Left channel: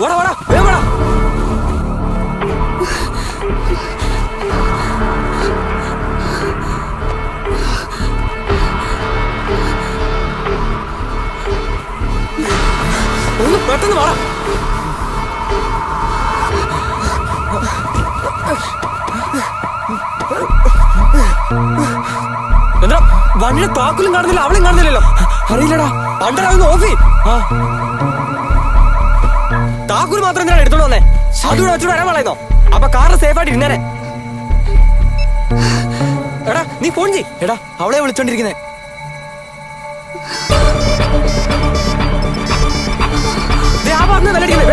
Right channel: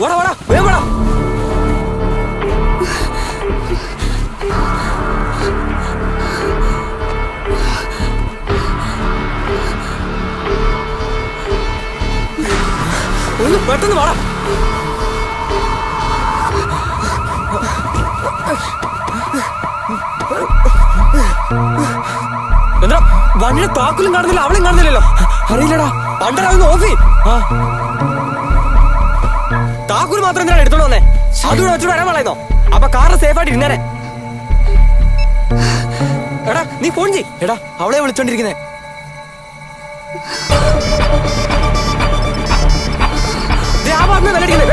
വാടാ വാടാ വേഗം വാടാ. ഒന്ന് പെട്ടെന്ന് വാടാ. എന്താ വണ്ടിയുടെ താക്കോലും കാണുന്നില്ല, അവളെയും കാണുന്നില്ലല്ലോ. അറിയില്ലടാ, പണ്ടരാവുന്ന ഓഫി. താക്കൂര് മാത്രം എന്തിനാണ് എടുത്തോണ്ട് വന്നേ? അതുകൂടെ വെച്ചോട് വരാൻ പറയുന്നോ? അപ്പൊ കാറ് സേഫ് ആയിട്ട് ഇരുന്നേനെ. എടാ നീ ഫോൺ ചെയ്. എടാ അവളെ വിളിച്ചോണ്ടിരിക്കുന്നേ. ആ പറഞ്ഞ നല്ലടിക്കുന്നേ.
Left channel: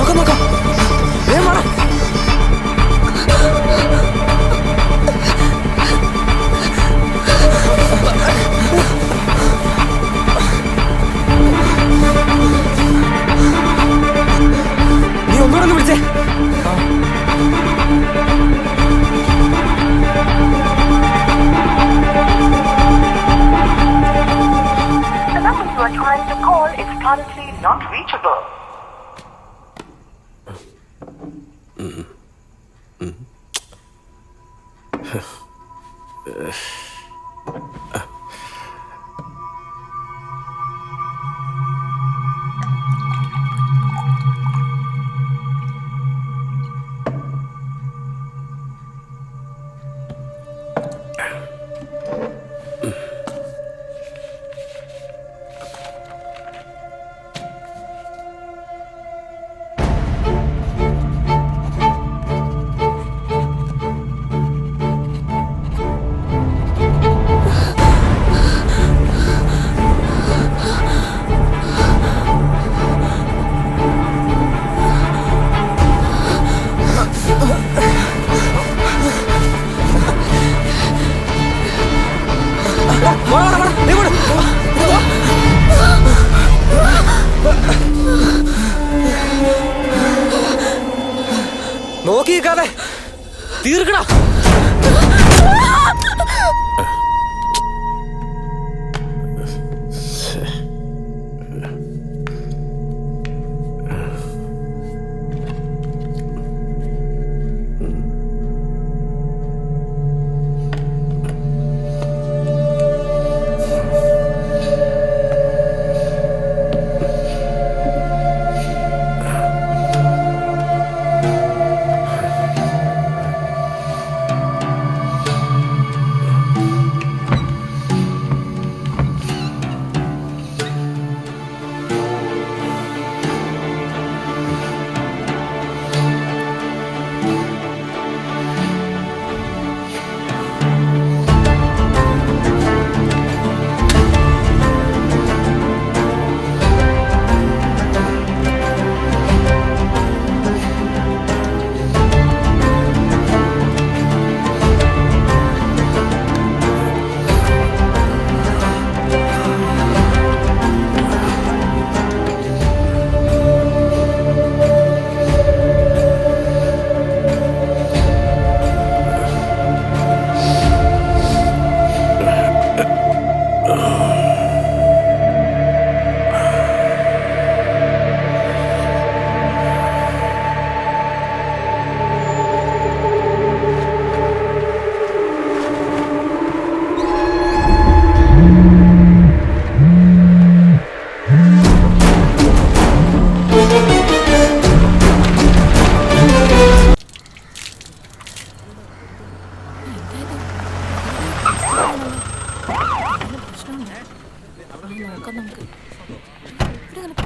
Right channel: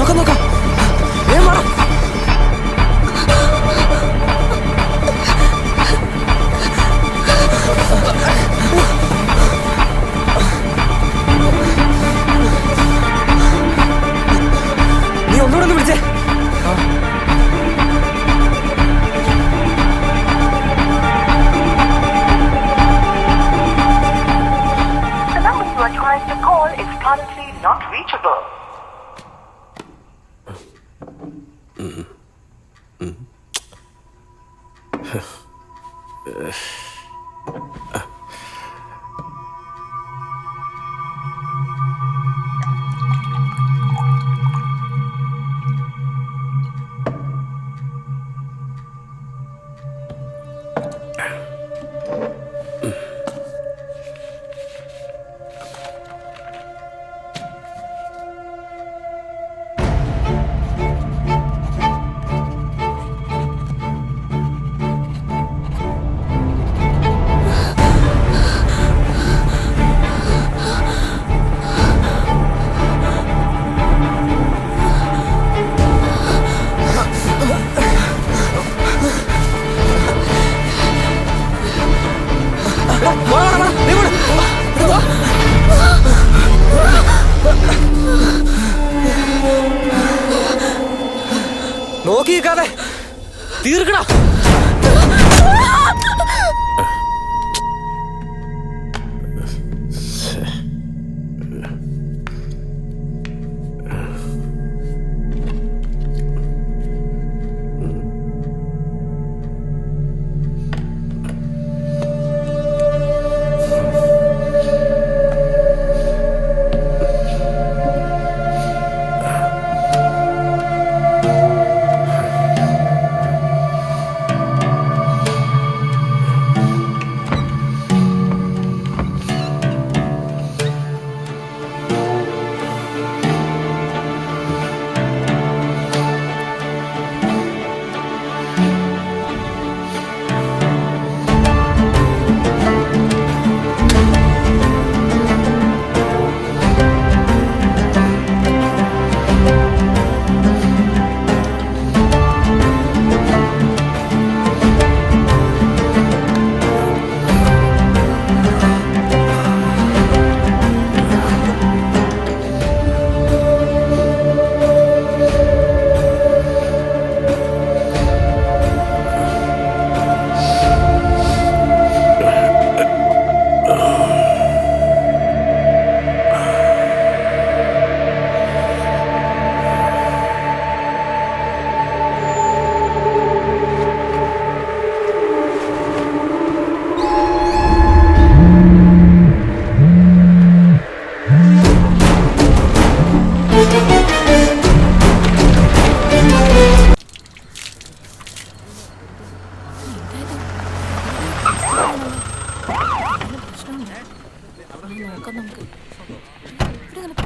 നോക്കാം നോക്കാം. വേഗം വാടാ. നീ ഒന്നുകൂടെ ഒന്ന് വിളിച്ചേ. The number you are trying to call is currently not reachable. നോക്കി നിൽക്കാതെ തീർക്കടാ.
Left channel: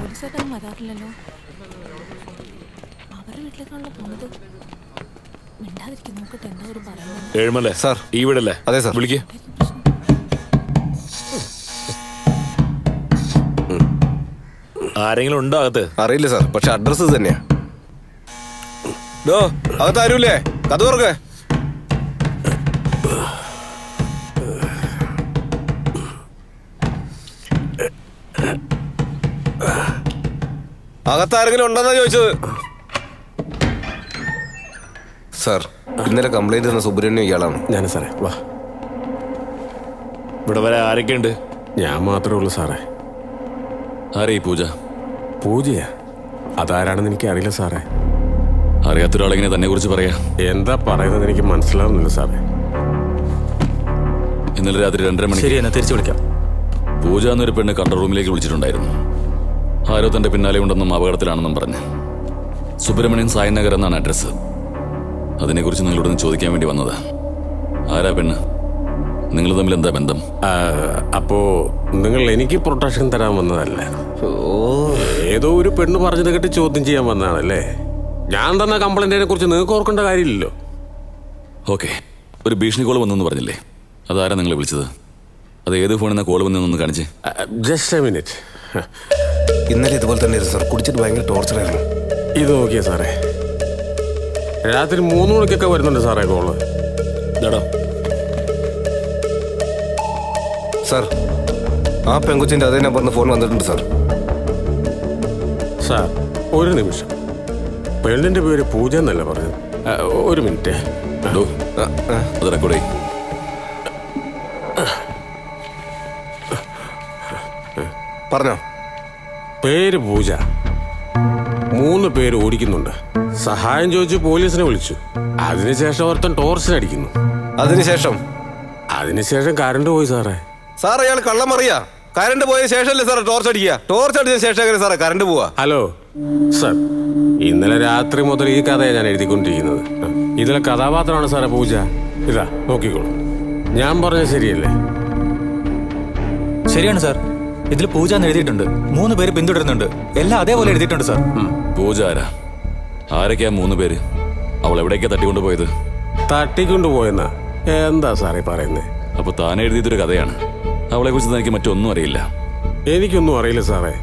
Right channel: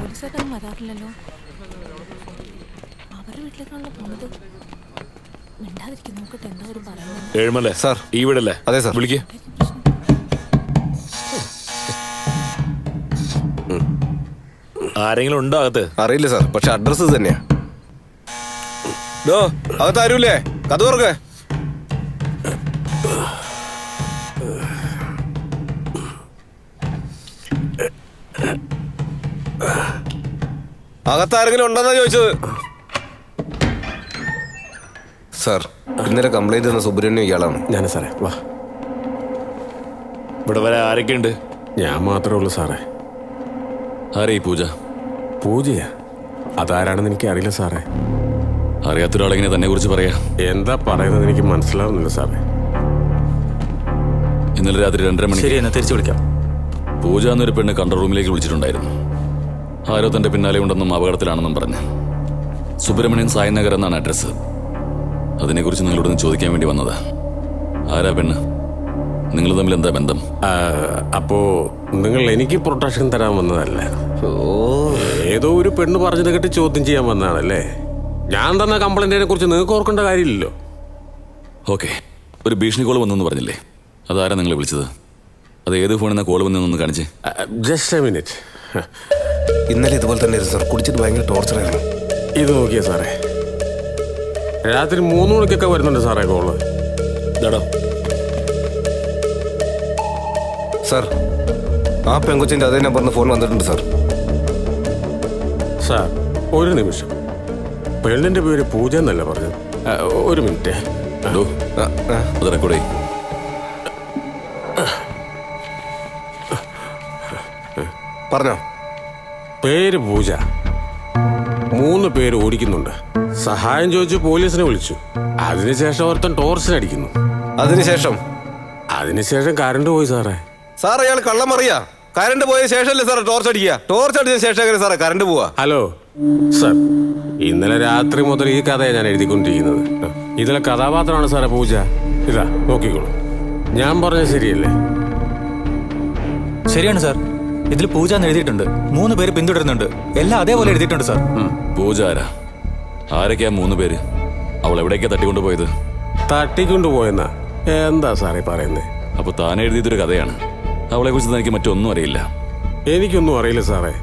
പോലീസുകാരൊന്നും വരാറില്ലല്ലോ. അവരുടെ വീട്ടിലേക്കാണല്ലോ പോകുന്നത്. മിണ്ടാതിരിക്കും, നോക്കട്ടെ എന്താ ഒരു പറയുന്നത്. ഏഴുമല്ലേ സാർ. ഈ വീടല്ലേ? അതെ സാർ. വിളിക്ക്. ആരെങ്കിലും ഉണ്ടോ അകത്ത്? അറിയില്ല സാർ, പക്ഷെ അഡ്രസ് ഇത് തന്നെയാ. ഡോ, അകത്ത് ആരുമില്ലേ? കഥ തുറക്ക്. അകത്താരെങ്കിലും ഉണ്ടെന്നാ ചോദിച്ചത്. സാർ, ഇന്നലെ കംപ്ലൈന്റ് തന്ന സുബ്രഹ്മണ്യം ഇയാളാണ്. ഞാൻ സാറേ, വാ. ഇവിടെ വരെ ആരൊക്കെയുണ്ട്? ഞാൻ മാത്രമേ ഉള്ളൂ സാറേ. ആരേ ഈ പൂജ? പൂജയാ? അതാരാണെന്ന് എനിക്ക് അറിയില്ല സാറേ. അറിയാത്തൊരാളെങ്ങനെ തന്നെ കുറിച്ച് പറയാ? എന്താ പറയുന്നത് എനിക്ക് മനസ്സിലാവുന്നില്ല സാറേ. ഇന്നലെ രാത്രി 2:30 മണിക്ക് ശരി, എന്നാ തിരിച്ചു വിളിക്കാം. പൂജ എന്നൊരു പെണ്ണ് കൺട്രോൾ റൂമിലേക്ക് വിളിച്ചിട്ടുണ്ടായിരുന്നു. ആരോ തന്റെ പിന്നാലെ ഉണ്ടെന്നും അപകടത്തിലാണെന്നും പറഞ്ഞ്. സുബ്രഹ്മണ്യൻ സായ് നഗർ എന്നാണ് അഡ്രസ്സ്. അതിനെക്കുറിച്ച് നിങ്ങളോടൊന്ന് ചോദിക്കാൻ വേണ്ടി വന്നതാ. ആരാ പെണ്ണ്? നിങ്ങൾ തമ്മിൽ എന്താ ബന്ധം? അപ്പോ നിങ്ങൾ എനിക്ക് പ്രൊട്ടക്ഷൻ തരാൻ വന്നതല്ല. ഏതോ ഒരു പെണ്ണ് പറഞ്ഞത് കേട്ട് ചോദ്യം ചെയ്യാൻ വന്നതാണല്ലേ. ഞാൻ തന്ന കംപ്ലൈന്റിനെ കുറിച്ച് നിങ്ങൾക്ക് ഓർക്കേണ്ട കാര്യമില്ലല്ലോ. ഓക്കെ, ഒരു ഭീഷണി കോൾ വന്നെന്ന് പറഞ്ഞില്ലേ? അതാരാ നിങ്ങളെ വിളിച്ചത്? അത് ഏത് ഫോണിൽ നിന്ന് കോൾ വന്നതെന്നൊന്ന് കാണിച്ച്. Just A minute. ഇന്നലെ ഇതുപോലെ തന്നെ സാർ, കുടിച്ചിട്ട് ഭയങ്കര ടോർച്ചറായിരുന്നു. ഇത് നോക്കിയേ സാറേ, രാത്രി 3 മണിക്കൊക്കെ വരുന്നുണ്ട് സാറേ കോള്. ഇതാടോ. സാർ, ആ പെങ്കൊച്ചിന്റെ അതേ നമ്പറിന് ഫോൺ വന്നിട്ടുണ്ട് സാർ. സാർ, ഒരു നിമിഷം. പെണ്ണിന്റെ പേര് പൂജ എന്നല്ല പറഞ്ഞത്. ഒരു മിനിറ്റ്. ഡോ, അത് റെക്കോർഡ് ചെയ്യ്. പറഞ്ഞോ. പേര് പൂജ. 3 പേര് ഓടിക്കുന്നുണ്ട്. സഹായം ചോദിച്ചു പോലീസിനെ വിളിച്ചു. അതിനുശേഷം ഒരുത്തൻ ടോർച്ചിനടിക്കുന്നു. അതിനുശേഷം കറണ്ട് പോയി സാറേ. സാർ, അയാൾ കള്ളം അറിയാ. കറണ്ട് പോയ ശേഷമല്ലേ സാറേ ടോർച്ച് അടിക്കുക? ടോർച്ച് അടിച്ച ശേഷം എങ്ങനെ സാറേ കറണ്ട് പോവാ? ഹലോ സാർ, ഇന്നലെ രാത്രി മുതൽ ഈ കഥയാണ് ഞാൻ എഴുതിക്കൊണ്ടിരിക്കുന്നത്. ഇതിലെ കഥാപാത്രമാണ് സാറേ പൂജ. ഇതാ നോക്കിക്കോളൂ. ഞാൻ പറഞ്ഞ ശരിയല്ലേ? ശരിയാണ് സാർ. ഇതിൽ പൂജ എന്ന് എഴുതിയിട്ടുണ്ട്. 3 പേര് പിന്തുടരുന്നുണ്ട്. എല്ലാം അതേപോലെ എഴുതിയിട്ടുണ്ട് സാർ. പൂജ ആരാ? ആരൊക്കെയാ 3 പേര്? അവൾ എവിടേക്കാ തട്ടിക്കൊണ്ടുപോയത്? തട്ടിക്കൊണ്ടുപോയെന്നാ? എന്താ സാറേ പറയുന്നേ? അപ്പൊ താൻ എഴുതിയതൊരു കഥയാണ്. അവളെ കുറിച്ച് തനിക്ക് മറ്റൊന്നും അറിയില്ല. എനിക്കൊന്നും അറിയില്ല സാറേ.